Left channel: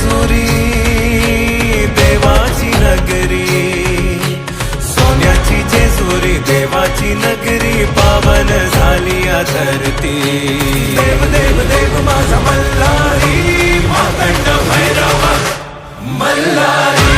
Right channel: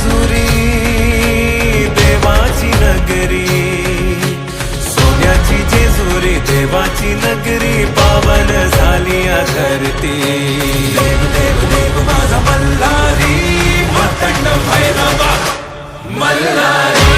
जेजुरी देवाची नगरी, सोन्याची जेजुरी देवाची नगरी, पावन झाली या धरती। देव देव देव माझा मल्हारी, मातंड भैरवा मल्हारी।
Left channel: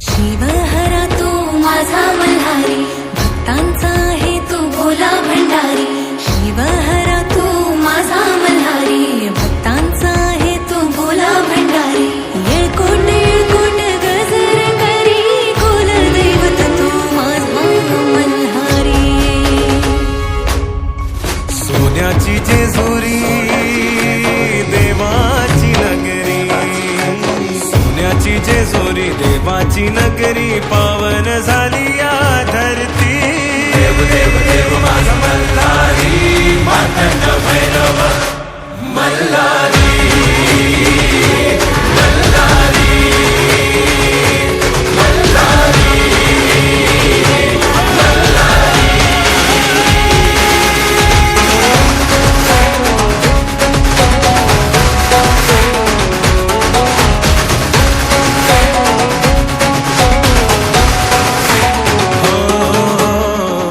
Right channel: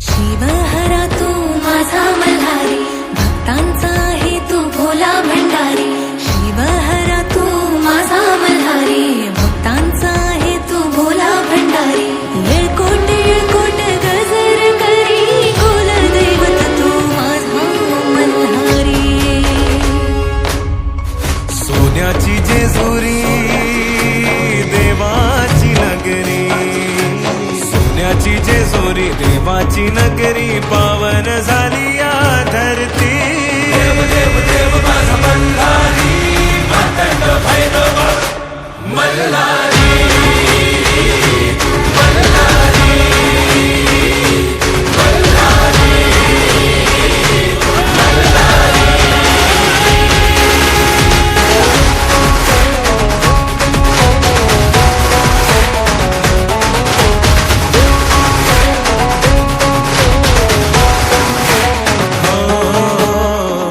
शिवहरा तू माझा मल्हारी, भक्तांचा आहे तू भोला भंडारी। शिवहरा तू माझा मल्हारी, भक्तांचा आहे तू भोला भंडारी। येळकोट येळकोट गजर करी, कुलदैवत तू माझा मल्हारी। सोन्याची जेजुरी देवाची नगरी, सोन्याची जेजुरी देवाची नगरी, पावन झाली या धरती। देव देव माझा मल्हारी, मातंड भैरवा मल्हारी।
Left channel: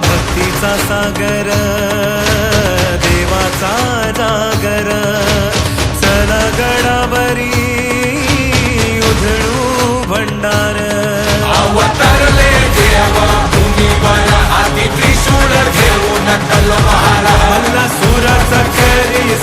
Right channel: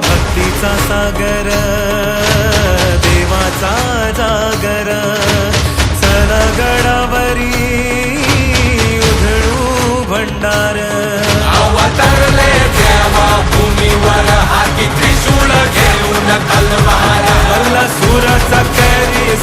भक्तीचा सागर देवाचा जागर, चला गडावरी उधळू भंडार। मल्ला सुराचा करी